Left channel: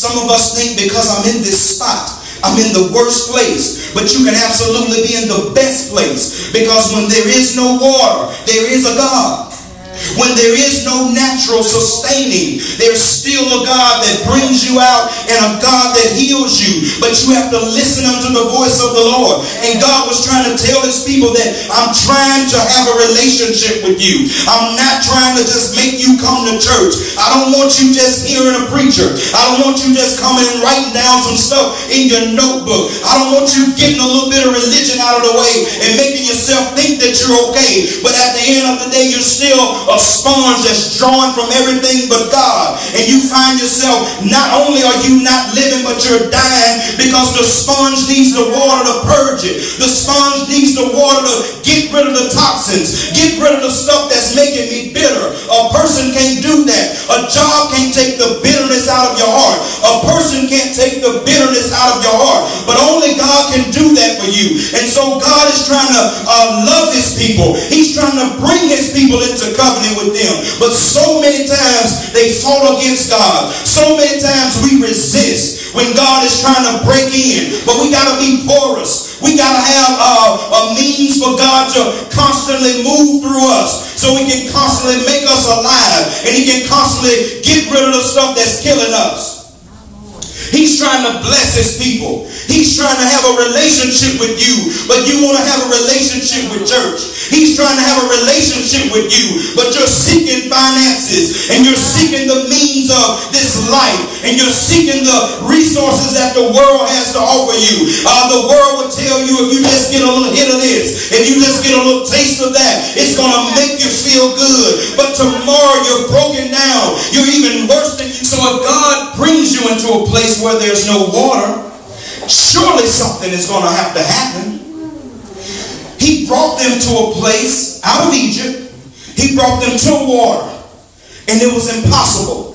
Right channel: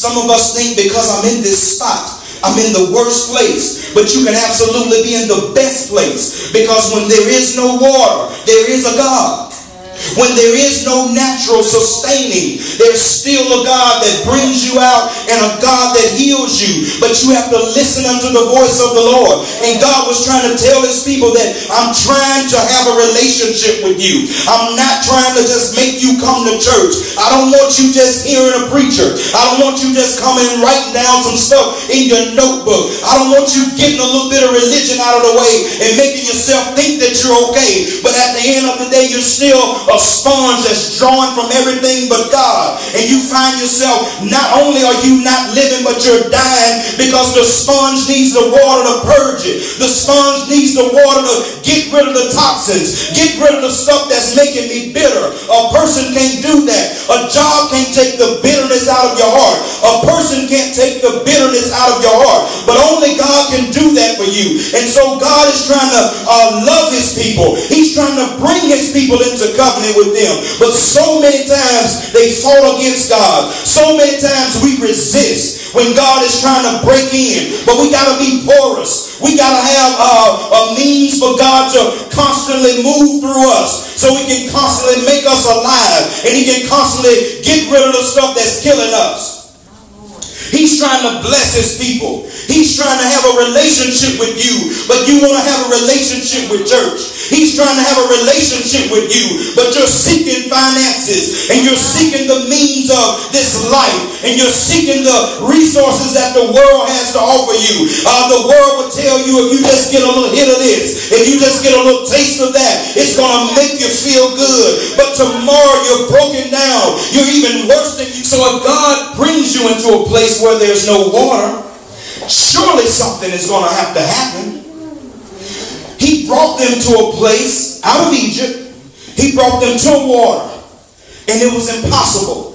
Some of us think because I'm in this spot, I'm in the worst place. But you can absolutely be in the best place. Because when there is no water, there is a God. When there is no natural sustaining, there's still a God that brings you out and a God that heals you. But you have to listen unto the voice of the Lord. And God was trying to tell his people that I'm trying to have a relationship with you. I'm not trying to just make you come to church. I don't want you just hearing a preacher. I don't want you just coming and writing down some stuff in your notebook. I don't want you getting a little bit of religion out of the way and making yourself think that you're okay. But at the end of the day, you're still a sponge that's drawn from everything but God. And you find yourself, not only are you not living, but you're dying because the sponge needs the water to purge it. The sponge needs the water to get rid of the toxins, get rid of the stuff that's making me bitter. A person can't do that. A job can't take the bitterness out of your heart. A person can't take the bitterness out of your heart. But only God can do that for you. And so God is trying to love his people. He's trying to bring his people into covenant with them. But so many times they fought against God. So many times we resist when God is trying to break in. But we got to be porous. We got to have a means for God to constantly move through us, so he can constantly make us alive, and he can constantly get rid of the stuff that's killing us. He's trying to bless his people. He's trying to have a relationship with you, but you want to have a relationship with church. He's trying to have a relationship with you, but you're seeking finances, and you're seeking the means of this life, and you're seeking the resources that the world has to offer you. The world will tell you, if you just get a little hit of this, if you just get a little taste of that, it's going to make you feel good. But tomorrow you're broken down. You're even worse than you. So if God brings you into a place where there's no water, surely something is going to have to happen. He brought them to a place out of Egypt. He brought them to water, and it was impossible.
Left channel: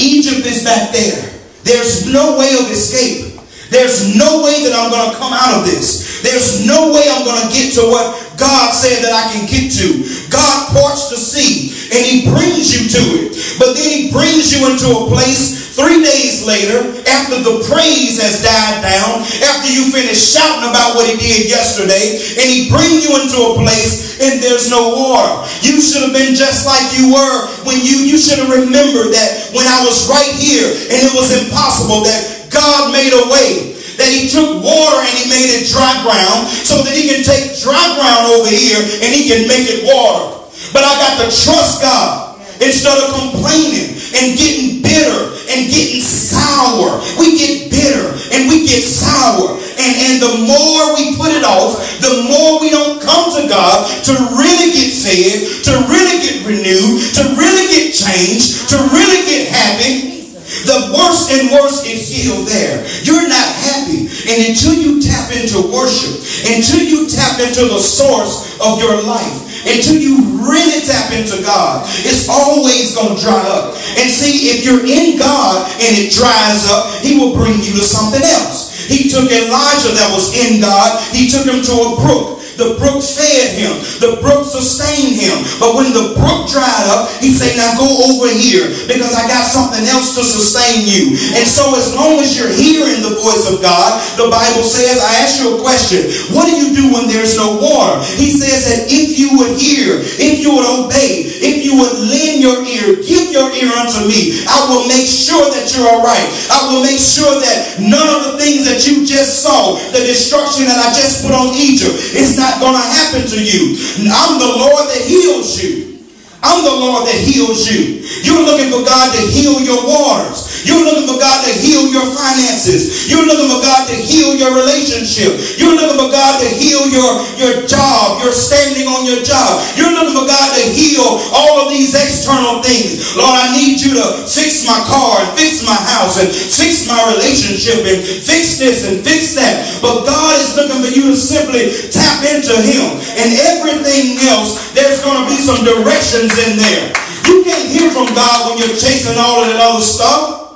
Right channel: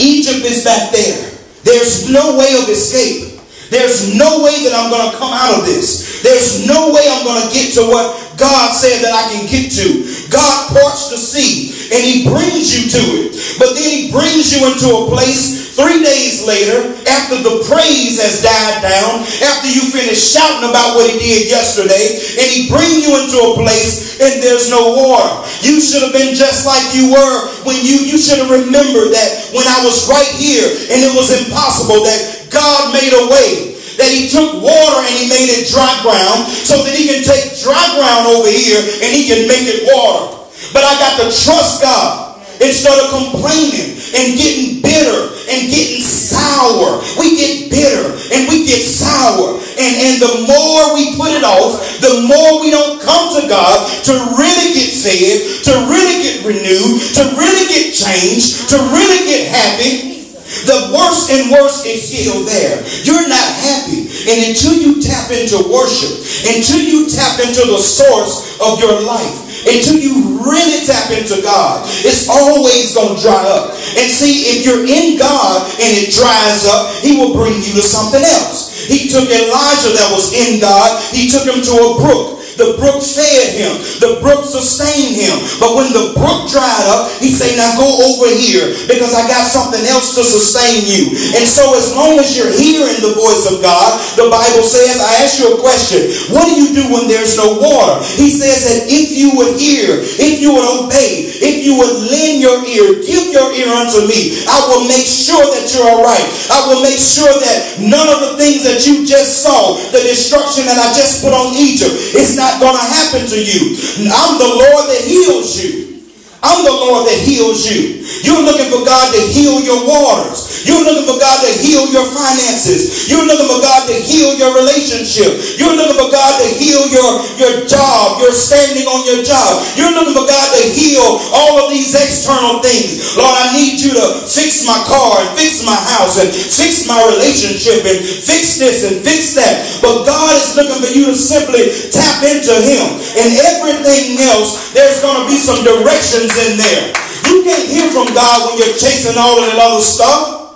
Egypt is back there. There's no way of escape. There's no way that I'm going to come out of this. There's no way I'm going to get to what God said that I can get to. God parts the sea, and he brings you to it. But then he brings you into a place 3 days later, after the praise has died down, after you finish shouting about what he did yesterday, and he brings you into a place and there's no water. You should have been just like you were when you should have remembered that when I was right here and it was impossible, that God made a way. That he took water and he made it dry ground, so that he can take dry ground over here and he can make it water. But I got to trust God instead of complaining and getting bitter and getting sour. We get bitter and we get sour. And the more we put it off, the more we don't come to God to really get fed, to really get renewed, to really get changed, to really get happy. The worse and worse is still there. You're not happy. And until you tap into worship, until you tap into the source of your life, until you really tap into God, it's always going to dry up. And see, if you're in God and it dries up, he will bring you to something else. He took Elijah that was in God. He took him to a brook. The brook fed him. The brook sustained him. But when the brook dried up, he said, now go over here because I got something else to sustain you. And so as long as you're hearing the voice of God, the Bible says, I ask you a question. What do you do when there's no water? He says that if you would hear, if you would obey, if you would lend your ear, give your ear unto me, I will make sure that you're all right. I will make sure that none of the things that you just saw, the destruction that I just put on Egypt, it's not going to happen to you. I'm the Lord that heals you. I'm the Lord that heals you. You're looking for God to heal your waters. You're looking for God to heal your finances. You're looking for God to heal your relationship. You're looking for God to heal your job, your standing on your job. You're looking for God to heal all of these external things. Lord, I need you to fix my car and fix my house and fix my relationship and fix this and fix that. But God is looking for you to simply tap into him. And everything else, there's going to be some directions in there. You can't hear from God when you're chasing all of that other stuff.